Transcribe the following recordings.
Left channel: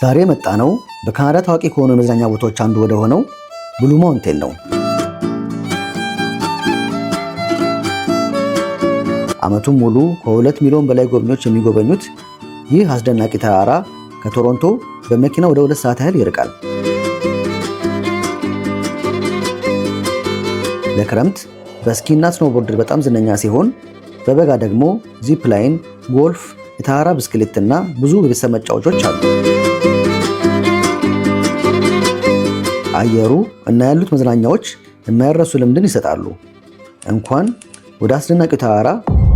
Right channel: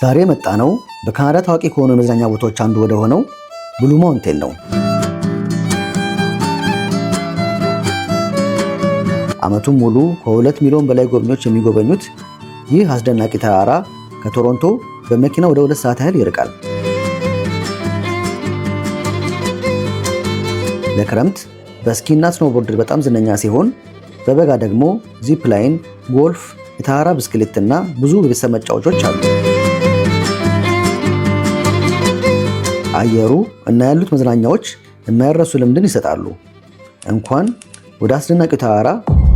ዛሬ መጣ ነው በካናዳ ታዋቂ ከሆኑ የመዝናኛ ቦታዎች አንዱ ወደ ሆነው ብሉ ማውንቴን ነው። ዓመቱን ሙሉ ከ2 ሚሊዮን በላይ ጎብኚዎች የሚጎበኙት ይህ አስደናቂ ተራራ ከቶሮንቶ በመኪና ወደ 2 ሰዓት ያህል ይርቃል። ለክረምት በስኪና ስኖቦርድ በጣም ዝነኛ ሲሆን በበጋ ደግሞ ዚፕ ላይን፣ ጎልፍ፣ የተራራ ብስክሌት እና ብዙ የቤተሰብ መጫወቾች አሉ። አየሩ እና ያሉት መዝናኛዎች የማይረሱ ልምድን ይሰጣሉ። እንኳን ወደ አስደናቂው ተራራ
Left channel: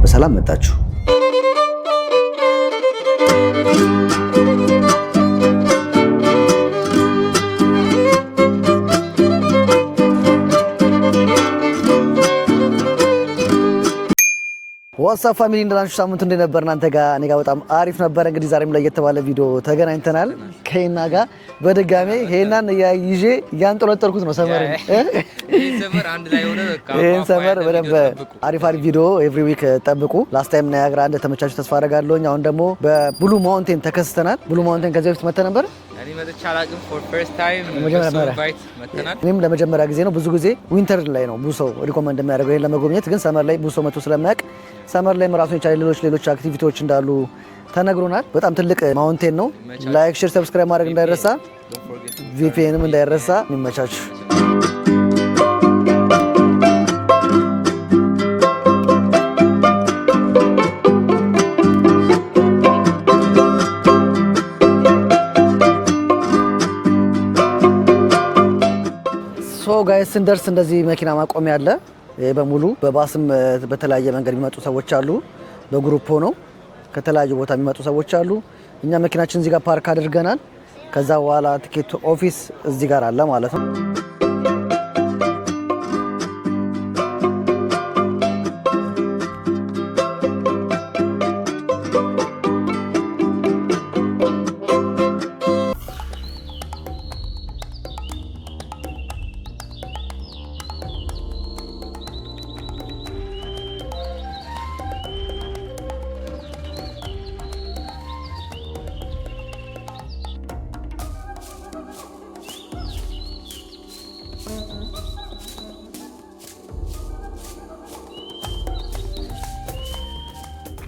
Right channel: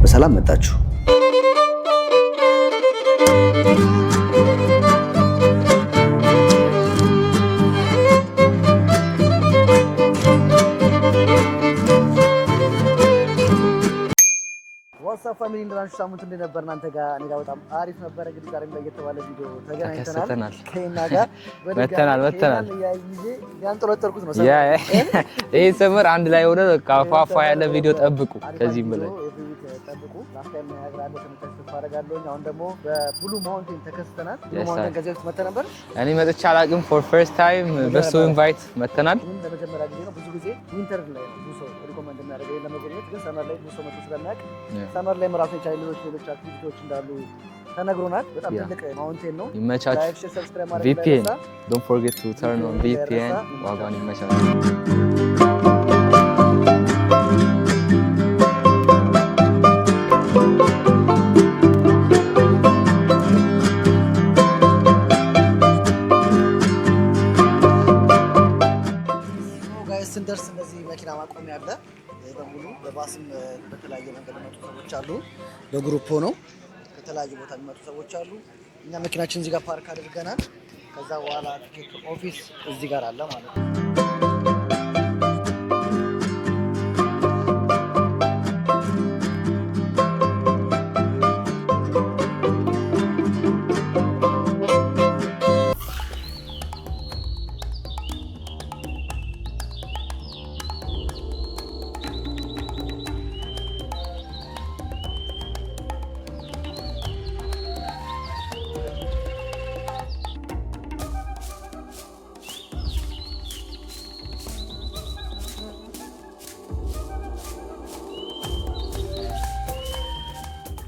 በሰላም መጣችሁ። ዋትስአፕ ፋሚሊ እንደናችሁ? ሳምንቱ እንዴት ነበር? እናንተ ጋር እኔ ጋር በጣም አሪፍ ነበር። እንግዲህ ዛሬም ላይ የተባለ ቪዲዮ ተገናኝተናል ከሄና ጋር በድጋሚ ሄናን ይዤ እያንጠለጠልኩት ነው። ሰመር ይሄ ሰመር አንድ ላይ ሆነ ካፋፋ ያለ ቪዲዮ ጠብቁ። አሪፍ ቪዲዮ ኤቭሪ ዊክ ጠብቁ። ላስት ታይም ነው ያግራ አንድ ተመቻችሁ ተስፋ አደርጋለሁ። አሁን ደግሞ በብሉ ማውንቴን ተከስተናል። ብሉ ማውንቴን ከዚህ በፊት መጥተህ ነበር? እኔ መጥቼ አላውቅም። ፎር ፈርስት ታይም በሱ ኢንቫይት መጥተናል። እኔም ለመጀመሪያ ጊዜ ነው። ብዙ ጊዜ ዊንተር ላይ ነው ብዙ ሰው ሪኮመንድ የሚያደርገው ይሄን ለመጎብኘት፣ ግን ሰመር ላይ ብዙ ሰው መጥቶ ስለማያውቅ ሰመር ላይ ራሱን የቻለ ሌሎች አክቲቪቲዎች እንዳሉ ተነግሮናል። በጣም ትልቅ ማውንቴን ነው። ላይክ፣ ሼር፣ ሰብስክራይብ ማድረግ እንዳይረሳ። ቪፒኤንም እንዳይረሳ። ይመቻችሁ። ሶ ጋይስ ስንደርስ እንደዚህ መኪና ማቆሚያ አለ። በሙሉ በባስም በተለያየ መንገድ የሚመጡ ሰዎች አሉ። በግሩፕ ሆነው ከተለያዩ ቦታ የሚመጡ ሰዎች አሉ። እኛ መኪናችን እዚህ ጋር ፓርክ አድርገናል። ከዛ በኋላ ቲኬት ኦፊስ እዚህ ጋር አለ ማለት ነው።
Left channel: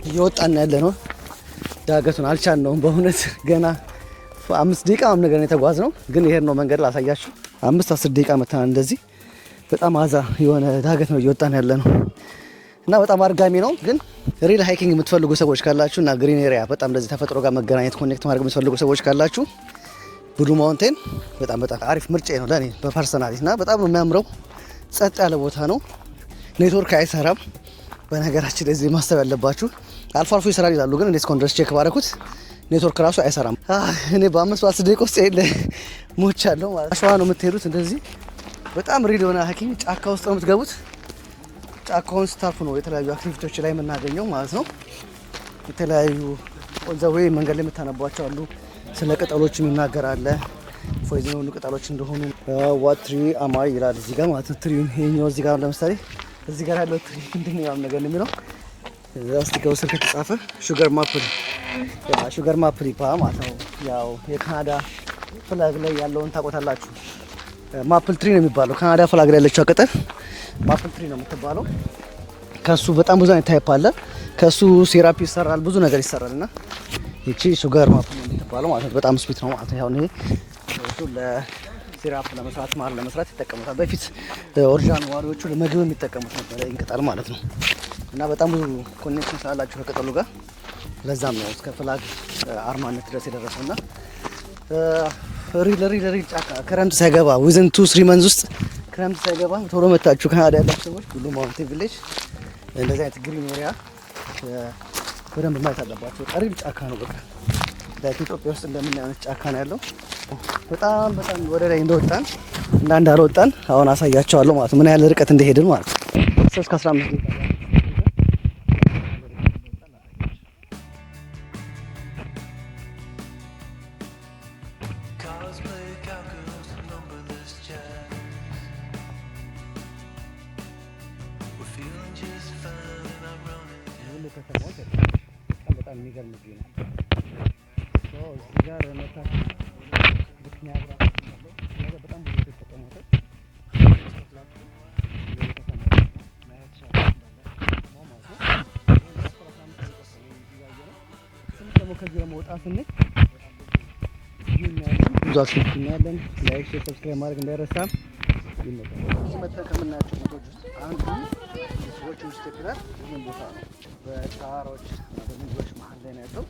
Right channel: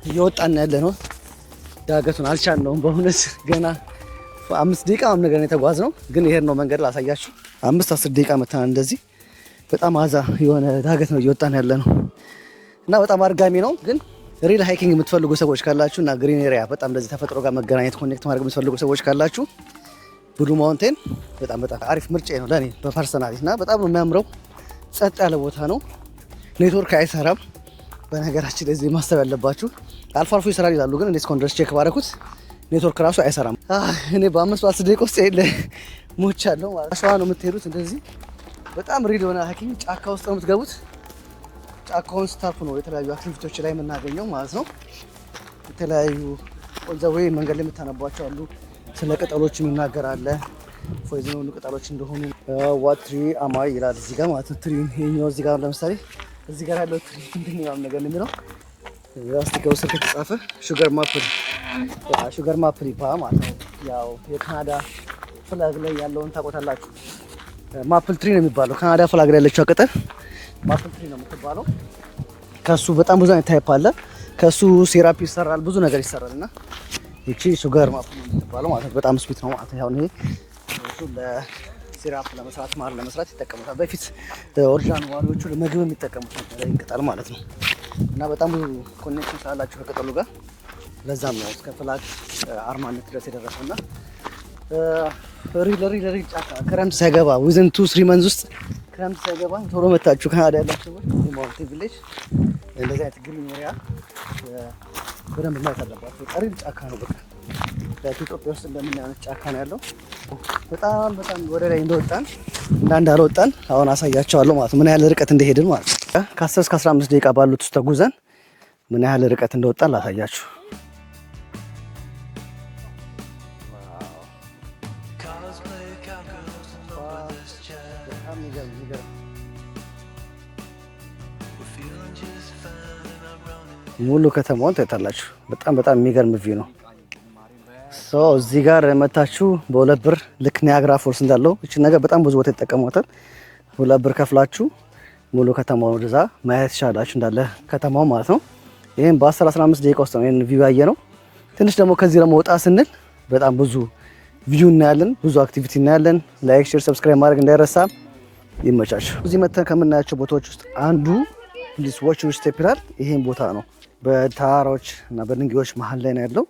እየወጣን ያለ ነው። ዳገቱን አልቻልነውም በእውነት ገና 5 ደቂቃ ምናምን ነገር ነው የተጓዝነው፣ ግን ይሄን ነው መንገድ ላሳያችሁ። 5-10 ደቂቃ መተናል። እንደዚህ በጣም አዛ የሆነ ዳገት ነው እየወጣን ያለ ነው እና በጣም አድጋሚ ነው። ግን ሪል ሃይኪንግ የምትፈልጉ ሰዎች ካላችሁ እና ግሪን ኤሪያ በጣም እንደዚህ ተፈጥሮ ጋር መገናኘት ኮኔክት ማድረግ የምትፈልጉ ሰዎች ካላችሁ ብሉ ማውንቴን በጣም አሪፍ ምርጫ ነው ለኔ በፐርሰናሊ። እና በጣም ነው የሚያምረው። ጸጥ ያለ ቦታ ነው። ኔትወርክ አይሰራም። በነገራችን ላይ እዚህ ማሰብ ያለባችሁ አልፎ አልፎ ይሰራል ይላሉ፣ ግን እንዴት እስካሁን ድረስ ቼክ ባደረኩት ኔትወርክ ራሱ አይሰራም። እኔ በ5-10 ደቂቃ ውስጥ ይሄ ሞቻለሁ ማለት ነው። አሸዋ ነው የምትሄዱት። እንደዚህ በጣም ሪል የሆነ ሃይኪንግ ጫካ ውስጥ ነው የምትገቡት። ጫካውን ስታልፉ ነው የተለያዩ አክቲቪቲዎች ላይ የምናገኘው ማለት ነው። የተለያዩ ወንዘዌ መንገድ ላይ የምታነቧቸው አሉ። ስለ ቅጠሎች ይናገራል። ፎይዝ የሆኑ ቅጠሎች እንደሆኑ ዋት ትሪ አማይ ይላል እዚህ ጋር ማለት ነው። ትሪውን ይሄኛው እዚህ ጋር ለምሳሌ እዚህ ጋር ያለው ትሪ ምንድን ነው ነገር ነው የሚለው ስቲከሩ ስር ከተጻፈ ሹገር ማፕል ይባላል ማለት ነው። ያው የካናዳ ፍላግ ላይ ያለውን ታውቁታላችሁ። ማፕል ትሪ ነው የሚባለው። ካናዳ ፍላግ ላይ ያለችው ቅጠል ማፕል ትሪ ነው የምትባለው። ከሱ በጣም ብዙ አይነት ታይፕ አለ። ከሱ ሴራፒ ይሰራል፣ ብዙ ነገር ይሰራል እና ይቺ ሹገር ማፕል ነው የምትባለው ማለት ነው። በጣም ስዊት ነው ማለት ነው። ያው ይሄ እሱ ለሲራፕ ለመስራት ማር ለመስራት ይጠቀሙታል። በፊት ኦሪጂናል ዋሪዎቹ ለምግብ የሚጠቀሙት ነበር ይሄን ቅጠል ማለት ነው። እና በጣም ብዙ ኮኔክሽን ስላላችሁ ከቅጠሉ ጋር ለዛም ነው እስከ ፍላግ አርማነት ድረስ የደረሰውና ሪል ጫካ ክረምት ሳይገባ ዊዝን 2-3 መንዝ ውስጥ ክረምት ሳይገባ ቶሎ መታችሁ ካናዳ ያላችሁ ሰዎች ብሉ ማውንቴን ቪሌጅ እንደዚህ አይነት ግሪን ኤሪያ በደንብ ማየት አለባችሁ። ሪል ጫካ ነው። በቃ ኢትዮጵያ ውስጥ እንደምናየው ጫካ ነው ያለው። በጣም ወደ ላይ እንደወጣን እንዳልወጣን አሁን አሳያቸዋለሁ ማለት ነው። ምን ያህል ርቀት እንደሄድን ማለት ነው። ከ10 እስከ 15 ደቂቃ ባሉት ውስጥ ተጉዘን ምን ያህል ርቀት እንደወጣን ላሳያችሁ። ሙሉ ከተማውን ታያላችሁ። በጣም የሚገርም ቪው ነው። እዚህ ጋር መታችሁ በሁለት ብር ልክ ኒያግራ ፎልስ እንዳለው እቺ ነገር በጣም ብዙ ቦታ ይጠቀሟታል። ሁለት ብር ከፍላችሁ ሙሉ ከተማውን ግዛ ማየት ይቻላችሁ እንዳለ ከተማው ማለት ነው። ይሄን በ10-15 ደቂቃ ውስጥ ነው ይሄን ቪው ያየ ነው። ትንሽ ደግሞ ከዚህ ደግሞ ወጣ ስንል በጣም ብዙ ቪው እናያለን፣ ብዙ አክቲቪቲ እናያለን። ላይክ፣ ሼር፣ ሰብስክራይብ ማድረግ እንዳይረሳ። ይመቻችሁ። እዚህ መተን ከምናያቸው ቦታዎች ውስጥ አንዱ ዲስ ዋች ስቴፕ ይላል። ይሄን ቦታ ነው በተራራዎች እና በድንጋዮች መሀል ላይ ነው ያለው።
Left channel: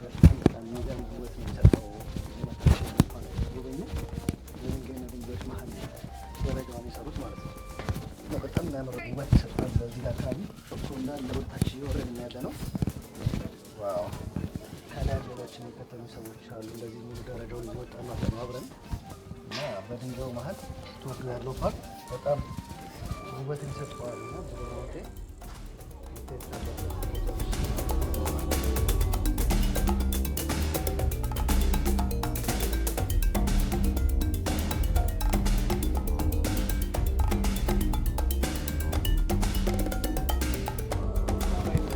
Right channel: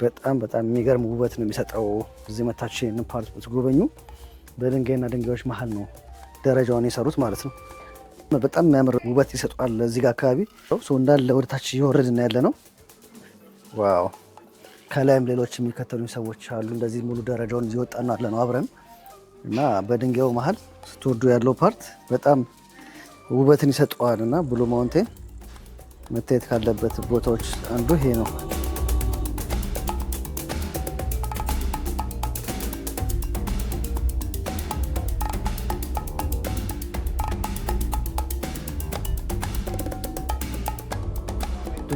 በጣም የሚገርም ውበት ነው የሚሰጠው። እዚህ መታችሁ ይሄን ፓርክ ትጎበኙ። በድንጋይና ድንጋዮች መሀል ነው ደረጃውን የሰሩት ማለት ነው። በጣም የሚያምር ውበት ይሰጣል። እዚህ ጋር አካባቢ እንዳለ ወደ ታች እየወረድን ያለ ነው። ዋው! ከላይም ሌሎች የሚከተሉ ሰዎች አሉ። እንደዚህ ሙሉ ደረጃውን እየወጣን ያለ ነው አብረን እና በድንጋዩ መሀል ስትወርዱ ያለው ፓርት በጣም ውበትን ይሰጠዋል እና ብሉ ማውንቴን መታየት ካለበት ቦታዎች አንዱ ይሄ ነው።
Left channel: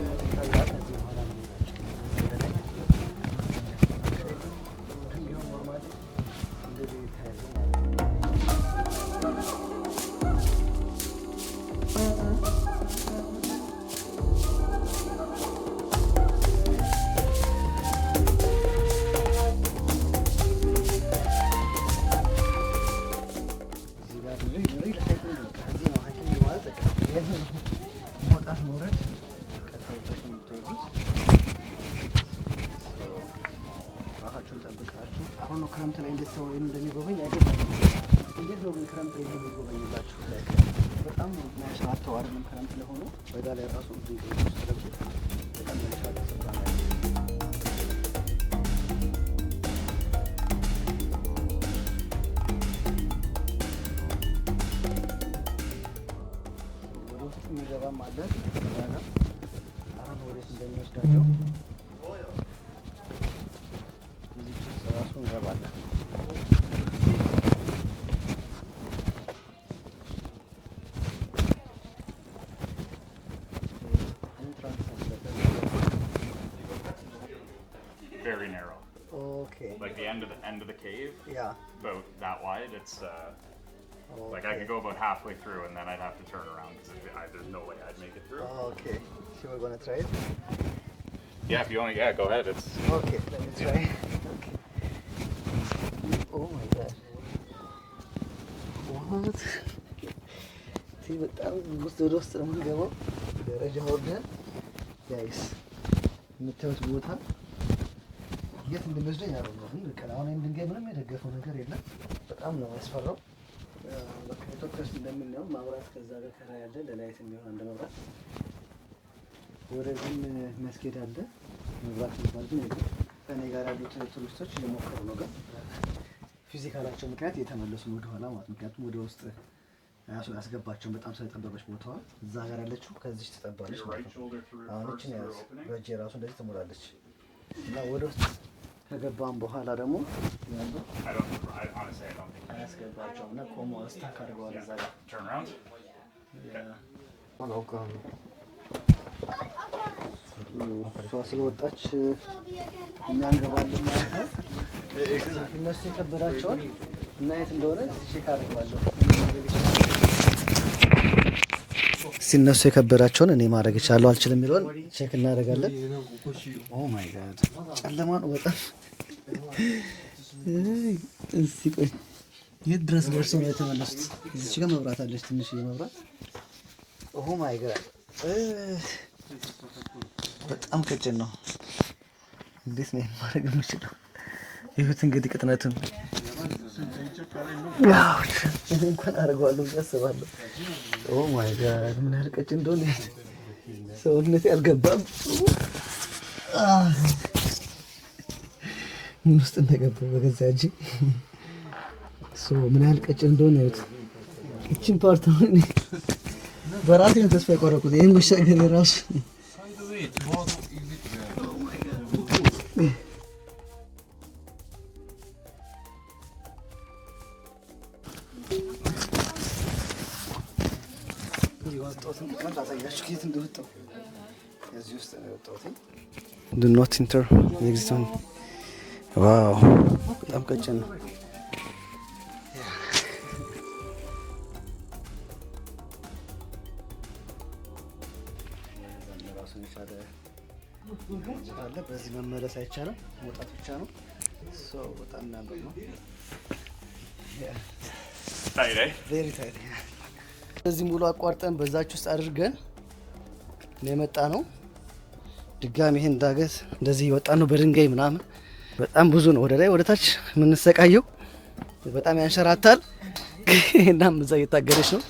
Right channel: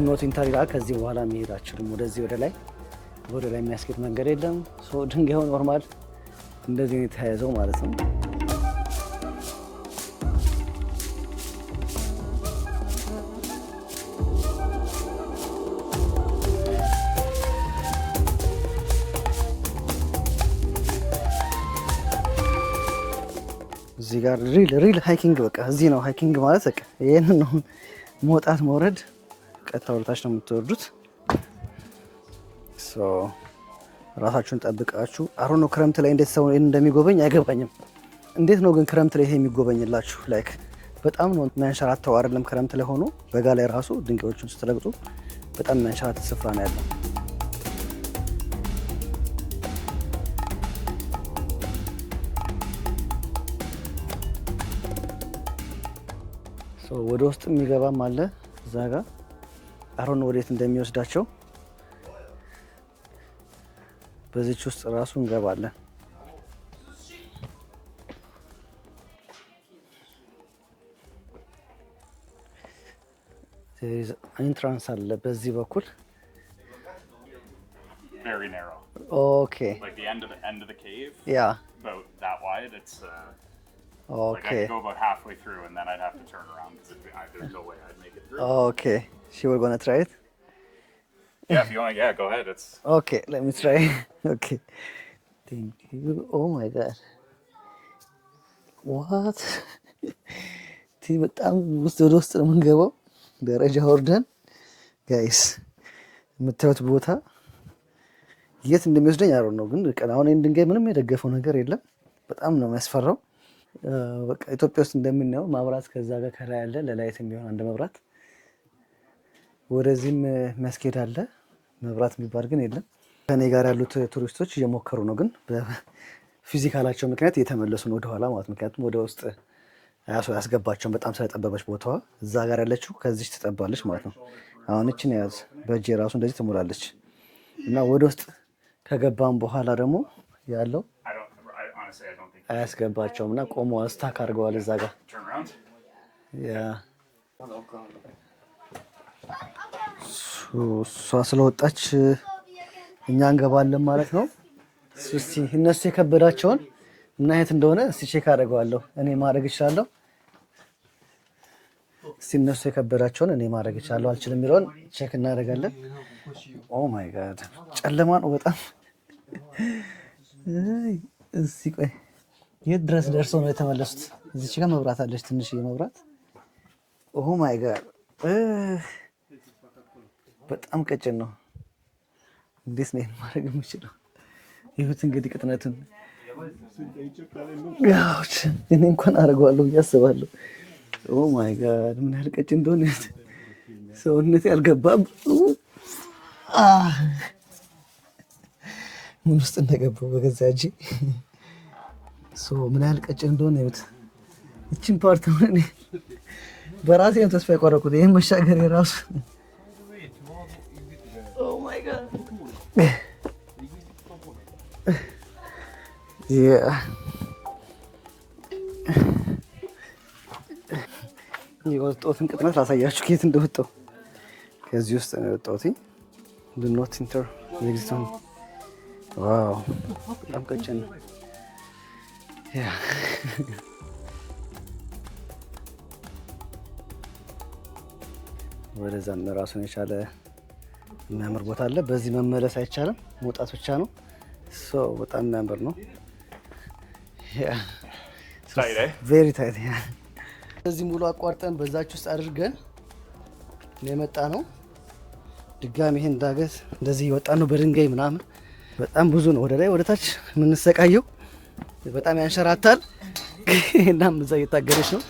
ኖቲንግ ታሪካ ከዚህ በኋላ የሚሄዳችሁም ወደዚህ ወደ ላይ የሚያስኬድ መንገድ የለም። ድንጋዩ ኖርማል እንደዚህ የተያያዘው ማለት ነው። እዚህ ጋር ሪል ሃይኪንግ በቃ እዚህ ነው ሃይኪንግ ማለት በቃ ይሄን ነው። መውጣት መውረድ ቀጥታ ወደታች ነው የምትወርዱት። ራሳችሁን ጠብቃችሁ አሮ ነው። ክረምት ላይ እንዴት ሰው እንደሚጎበኝ አይገባኝም። እንዴት ነው ግን ክረምት ላይ ይሄ የሚጎበኝላችሁ? ላይክ በጣም ነው የሚያንሸራተው አይደለም? ክረምት ላይ ሆኖ በጋ ላይ ራሱ ድንጋዮች ውስጥ ረግጦ በጣም የሚያንሸራተው ስፍራ ነው ያለው። ወደ ውስጥ የሚገባም አለ እዛ ጋር አሮን ወዴት እንደሚወስዳቸው በዚች ውስጥ ራሱ እንገባለን። ኢንትራንስ አለ በዚህ በኩል። ኦኬ ያ Okay. Like I'd go about halfway through and then I'd have to turn around because there's no way I'd make it through. Okay. So we're gonna try it? Yeah, if you want, yeah, go ahead. It's okay. Let me try. Okay. Oh my god. What? በጣም ውስጥ ነው የምንገባው። ደረጃ ወርደን ጋይስ የምታዩት ቦታ የት እንደሚወስደኝ አይደል ነው፣ ግን አሁን ይሄን ድንጋይ ምንም የደገፈው ነገር የለም። በጣም ነው የሚያስፈራው። በቃ ኢትዮጵያ ውስጥ እንደምናየው ማብራት ከዛ ጋር ከላይ ያለ ለላይት የሚሆን አንድ መብራት፣ ወደዚህም የሚያስኬድ አለ። መብራት የሚባል ግን የለም። ከኔ ጋር ያሉት ቱሪስቶች እየሞከሩ ነው፣ ግን በፊዚካላቸው ምክንያት እየተመለሱ ነው ወደኋላ ማለት። ምክንያቱም ወደ ውስጥ ያስገባቸውን በጣም ስለጠበበች ቦታዋ። እዛ ጋር ያለችው ከዚች ትጠባለች ማለት ነው። አሁን እችን ያዝ በእጄ ራሱ እንደዚህ ትሞላለች እና ወደ ውስጥ ከገባም በኋላ ደግሞ ያለው አያስገባቸውም እና ቆሞ ስታክ አድርገዋል እዛ ጋር። እሷ ስለወጣች እኛ እንገባለን ማለት ነው። እስቲ እነሱ የከበዳቸውን እና የት እንደሆነ እስቲ ቼክ አደርገዋለሁ። እኔ ማድረግ እችላለሁ። እስቲ እነሱ የከበዳቸውን እኔ ማድረግ እችላለሁ አልችልም የሚለውን ቼክ እናደርጋለን። ኦ ማይ ጋድ ጨለማ ነው በጣም። እስቲ ቆይ የት ድረስ ደርሰው ነው የተመለሱት? እዚች ጋር መብራት አለች፣ ትንሽ መብራት። ኦ ማይ ጋድ በጣም ቀጭን ነው። እንዴት ነው ማድረግ የምችለው? ይሁት እንግዲህ ቅጥነቱን እኔ እንኳን አደርገዋለሁ ብዬ አስባለሁ። ኦ ማይ ጋድ ምን ያህል ቀጭን እንደሆነ ሰውነቴ አልገባም። ምን ውስጥ እንደገባው በገዛ እጄ ምን ያህል ቀጭን እንደሆነ ይሁት። ይችን ፓርት ማለት በራሴ ተስፋ የቆረኩት ይሄን መሻገር የራሱ ኦ ማይ ጋድ የወጣሁትን ቅጥነት ላሳያችሁ ከየት እንደወጣሁ። ከዚህ ውስጥ ነው የወጣሁት። ዱ ኖት ኢንተር ኤግዚት ዋው በጣም ቀጭን ነው። ወደዛም ራሱን የቻለ የሚያምር ቦታ አለ። በዚህ መመለስ አይቻልም፣ መውጣት ብቻ ነው። በጣም የሚያምር ነው። ቬሪ ታይት። እዚህ ሙሉ አቋርጠን በዛች ውስጥ አድርገን የመጣ ነው። ድጋሚ ይሄን ዳገት እንደዚህ የወጣ ነው በድንጋይ ምናምን። በጣም ብዙ ነው ወደ ላይ ወደ ታች የምንሰቃየው። በጣም ያንሸራታል። እናም እዛ እየታገደች ነው።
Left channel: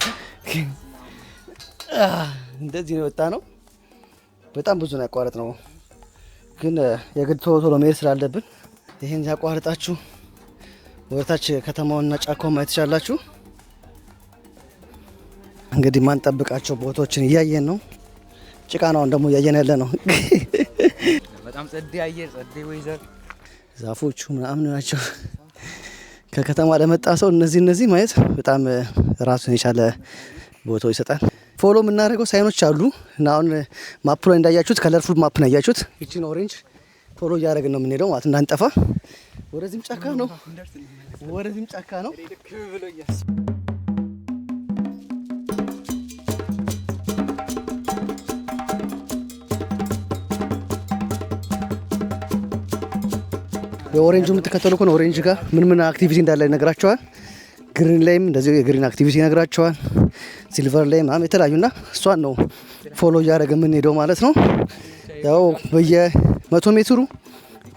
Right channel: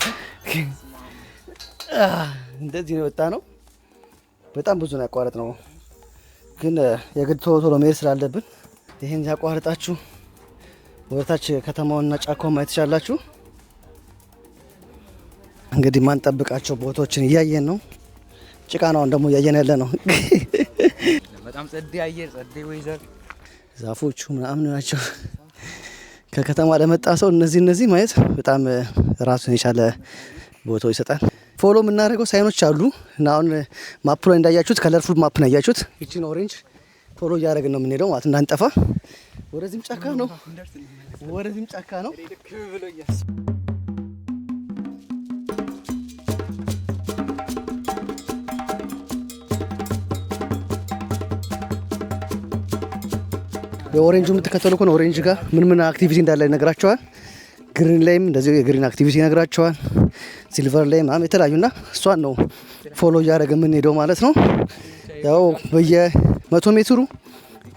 እንደዚህ ነው የወጣ ነው። በጣም ብዙ ነው ያቋረጥ ነው፣ ግን የግድ ቶሎ ቶሎ መሄድ ስላለብን ይሄን ያቋርጣችሁ ወደታች ከተማውንና ጫካውን ማየት ትችላላችሁ። እንግዲህ ማንጠብቃቸው ቦታዎችን እያየን ነው። ጭቃ ነው ደግሞ እያየን ያለ ነው። በጣም ጸዴ አየር፣ ጸዴ ወይዘር፣ ዛፎቹ ምናምን ናቸው። ከከተማ ለመጣ ሰው እነዚህ ማየት በጣም ራሱን የቻለ ቦታው ይሰጣል። ፎሎ የምናደርገው ሳይኖች አሉ እና አሁን ማፕ ላይ እንዳያችሁት ከለርፉል ማፕ ነው ያያችሁት። ይቺን ኦሬንጅ ፎሎ እያደረግን ነው የምንሄደው ማለት እንዳንጠፋ። ወደዚህም ጫካ ነው፣ ወደዚህም ጫካ ነው። የኦሬንጁ የምትከተሉ ከሆነ ኦሬንጅ ጋር ምን አክቲቪቲ እንዳለ ይነግራቸዋል። ግሪን ላይም እንደዚህ የግሪን አክቲቪቲ ይነግራቸዋል። ሲልቨር ላይ ምናምን የተለያዩና እሷን ነው ፎሎ እያደረገ የምንሄደው ማለት ነው። ያው በየ100 ሜትሩ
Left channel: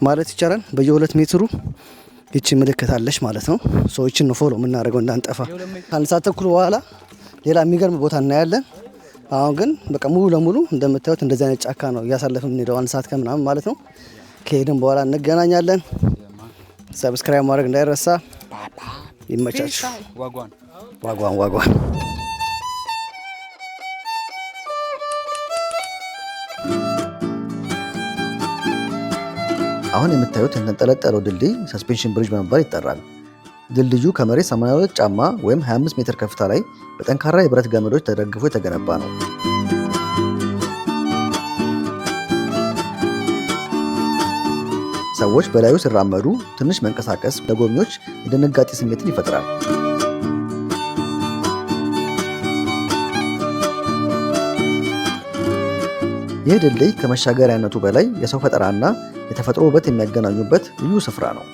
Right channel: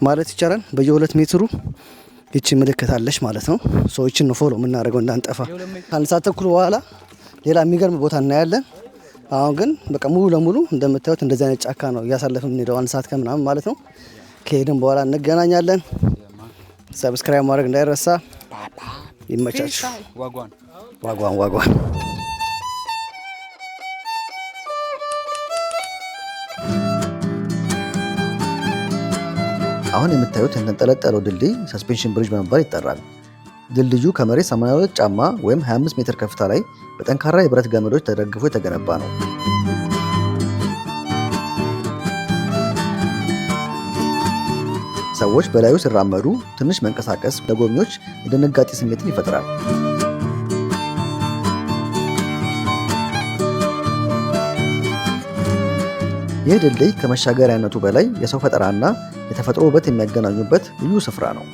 ማለት ይቻላል በየ2 ሜትሩ ይቺ ምልክት አለች ማለት ነው። ሰዎችን ነው ፎሎ የምናደርገው እንዳንጠፋ። አንድ ሰዓት ተኩል በኋላ ሌላ የሚገርም ቦታ እናያለን። አሁን ግን በቃ ሙሉ ለሙሉ እንደምታዩት እንደዚህ አይነት ጫካ ነው እያሳለፍን የምንሄደው 1 ሰዓት ከምናምን ማለት ነው። ከሄድን በኋላ እንገናኛለን። ሰብስክራይብ ማድረግ እንዳይረሳ። ይመቻችሁ። ዋጓን አሁን የምታዩት የተንጠለጠለው ድልድይ ሰስፔንሽን ብሪጅ በመባል ይጠራል። ድልድዩ ከመሬት 82 ጫማ ወይም 25 ሜትር ከፍታ ላይ በጠንካራ የብረት ገመዶች ተደግፎ የተገነባ ነው። ሰዎች በላዩ ሲራመዱ ትንሽ መንቀሳቀስ ለጎብኚዎች የድንጋጤ ስሜትን ይፈጥራል። ይህ ድልድይ ከመሻገሪያነቱ በላይ የሰው ፈጠራና የተፈጥሮ ውበት የሚያገናኙበት ልዩ ስፍራ ነው።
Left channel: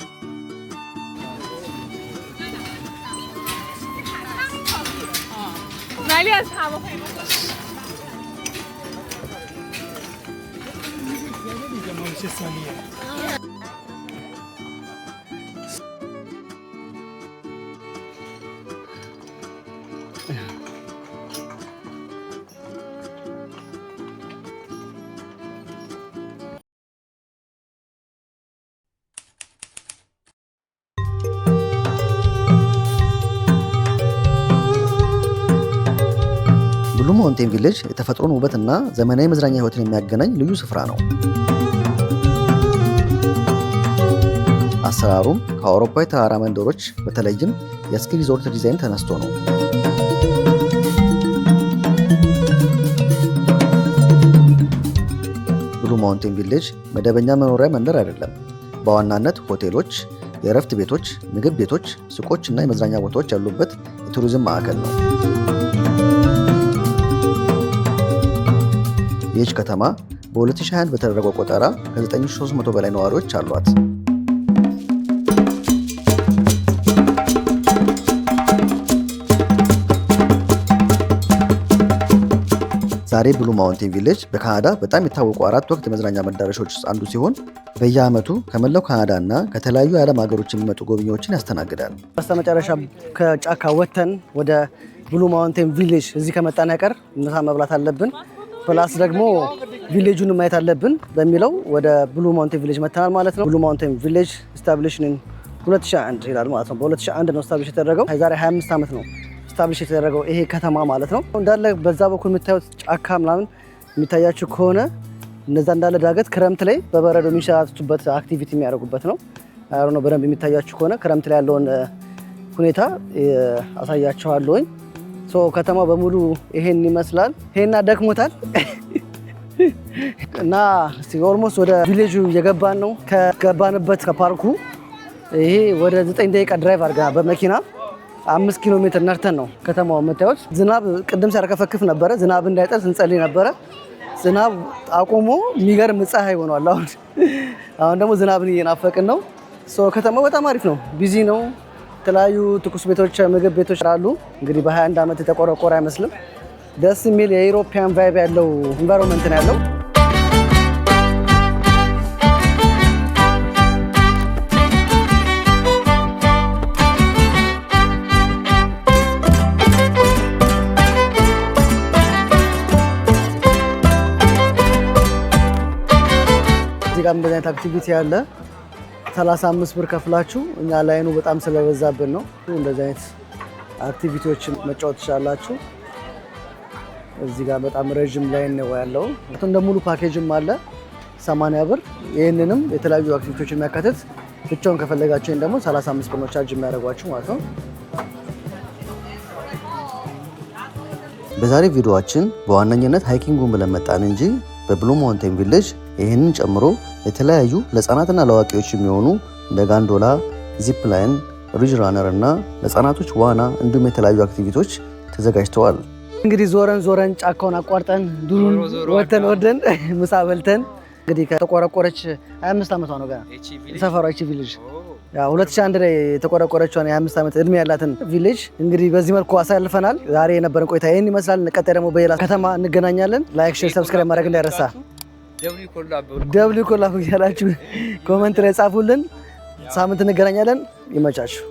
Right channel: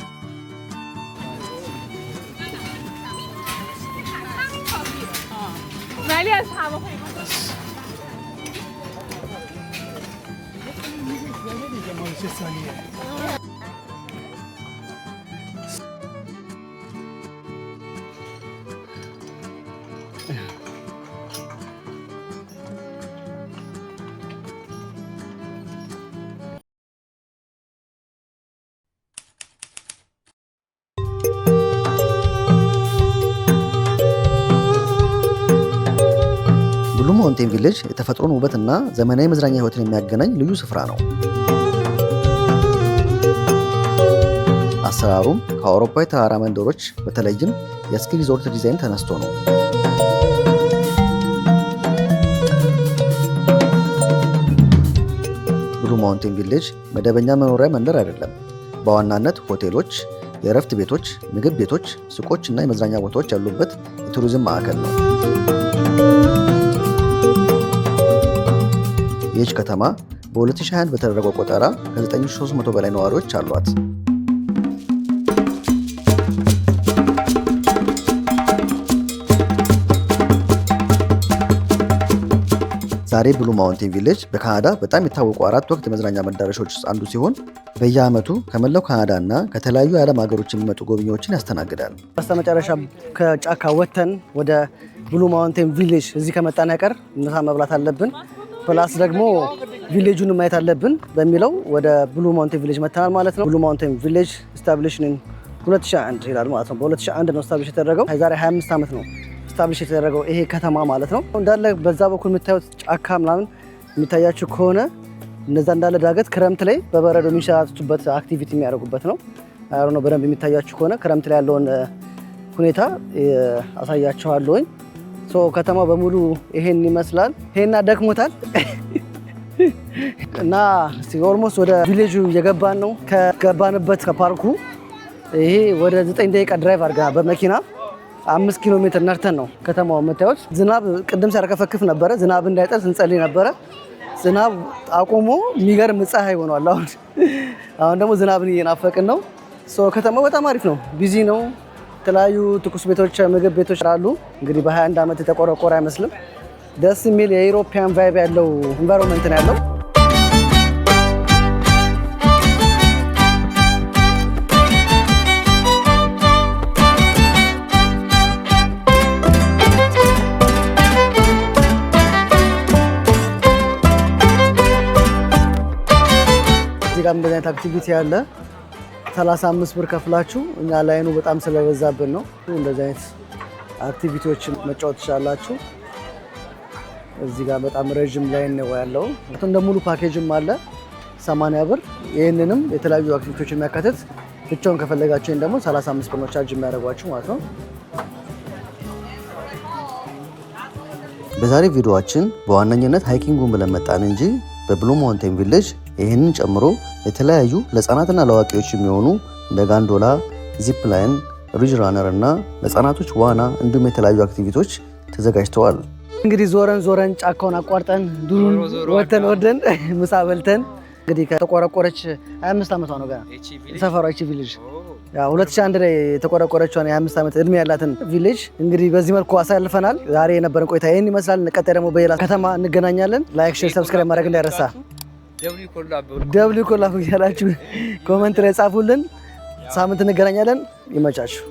ብሉ ማውንቴን ቪሌጅ የተፈጥሮን ውበትና ዘመናዊ መዝናኛ ህይወትን የሚያገናኝ ልዩ ስፍራ ነው። አሰራሩም ከአውሮፓ የተራራ መንደሮች በተለይም የስኪ ሪዞርት ዲዛይን ተነስቶ ነው። ብሉ ማውንቴን ቪሌጅ መደበኛ መኖሪያ መንደር አይደለም። በዋናነት ሆቴሎች፣ የእረፍት ቤቶች፣ ምግብ ቤቶች፣ ሱቆች እና የመዝናኛ ቦታዎች ያሉበት የቱሪዝም ማዕከል ነው። ይህች ከተማ በ2021 በተደረገው ቆጠራ ከ9300 በላይ ነዋሪዎች አሏት። ዛሬ ብሉ ማውንቴን ቪሌጅ በካናዳ በጣም የታወቁ 4 ወቅት የመዝናኛ መዳረሻዎች ውስጥ አንዱ ሲሆን በየዓመቱ ከመላው ካናዳ እና ከተለያዩ የዓለም ሀገሮች የሚመጡ ጎብኚዎችን ያስተናግዳል። በስተመጨረሻ ከጫካ ወጥተን ወደ ብሉ ማውንቴን ቪሌጅ እዚህ ከመጣን ያቀር ምሳ መብላት አለብን፣ ፕላስ ደግሞ ቪሌጁን ማየት አለብን በሚለው ወደ ብሉ ማውንቴን ቪሌጅ መጥተናል ማለት ነው። ብሉ ማውንቴን ቪሌጅ ስታብሊሽድ ኢን 2001 ይላል ማለት ነው። በ2001 ነው ስታብሊሽ የተደረገው። የዛሬ 25 ዓመት ነው ስታብሊሽ የተደረገው ይሄ ከተማ ማለት ነው። እንዳለ በዛ በኩል የምታዩት ጫካ ምናምን የሚታያችሁ ከሆነ እነዛ እንዳለ ዳገት ክረምት ላይ በበረዶ የሚንሸራተቱበት አክቲቪቲ የሚያደርጉበት ነው። አሮ ነው በደንብ የሚታያችሁ ከሆነ ክረምት ላይ ያለውን ሁኔታ አሳያችኋለሁኝ። ከተማው በሙሉ ይሄን ይመስላል። ይሄና ደክሞታል። እና ኦልሞስት ወደ ቪሌጁ እየገባን ነው። ከገባንበት ከፓርኩ ይሄ ወደ 9 ደቂቃ ድራይቭ አድርገናል በመኪና 5 ኪሎ ሜትር ነርተን ነው ከተማው የምታዩት። ዝናብ ቅድም ሲያርከፈክፍ ነበረ። ዝናብ እንዳይጠል ስንጸልይ ነበረ። ዝናብ አቆሞ የሚገርም ፀሐይ ሆኗል። አሁን ደግሞ ዝናብን እየናፈቅን ነው። ከተማው በጣም አሪፍ ነው። ቢዚ ነው። የተለያዩ ትኩስ ቤቶች፣ ምግብ ቤቶች አሉ። እንግዲህ በ21 ዓመት የተቆረቆረ አይመስልም። ደስ የሚል የኢሮፒያን ቫይብ ያለው ኢንቫይሮንመንት ነው ያለው። እዚህ ጋር እንደዚህ አይነት አክቲቪቲ ያለ 35 ብር ከፍላችሁ እኛ ላይኑ በጣም ስለበዛብን ነው። እንደዚህ አይነት አክቲቪቲዎችን መጫወት ትችላላችሁ። እዚህ ጋር በጣም ረጅም ላይን ነው ያለው። እንደ ሙሉ ፓኬጅም አለ 80 ብር። ይህንንም የተለያዩ አክቲቪቲዎችን የሚያካትት ብቻውን ከፈለጋችሁ ደግሞ 35 ብር ነው ቻርጅ የሚያደርጓችሁ ማለት ነው። በዛሬ ቪዲዮአችን በዋነኝነት ሃይኪንጉን ብለን መጣን እንጂ በብሉ ማውንቴን ቪሌጅ ይህንን ጨምሮ የተለያዩ ለህፃናትና ለአዋቂዎች የሚሆኑ እንደ ጋንዶላ፣ ዚፕ ላይን፣ ሪጅ ራነር እና ለህፃናቶች ዋና እንዲሁም የተለያዩ አክቲቪቲዎች ተዘጋጅተዋል። እንግዲህ ዞረን ጫካውን አቋርጠን ዱሩን ወተን ወደን ምሳ በልተን እንግዲህ ከተቆረቆረች 25 ዓመቷ ነው ገና ሰፈሯ እቺ ቪሌጅ። ያው 2001 ላይ የተቆረቆረችውን የ25 ዓመት እድሜ ያላትን ቪሌጅ እንግዲህ በዚህ መልኩ አሳልፈናል። ዛሬ የነበረን ቆይታ ይህን ይመስላል። ቀጣይ ደግሞ በሌላ ከተማ እንገናኛለን። ላይክ፣ ሼር፣ ሰብስክራይብ ማድረግ እንዳይረሳ። ደብሊው ኮላብ እያላችሁ ኮመንት ላይ ጻፉልን። ሳምንት እንገናኛለን። ይመቻችሁ።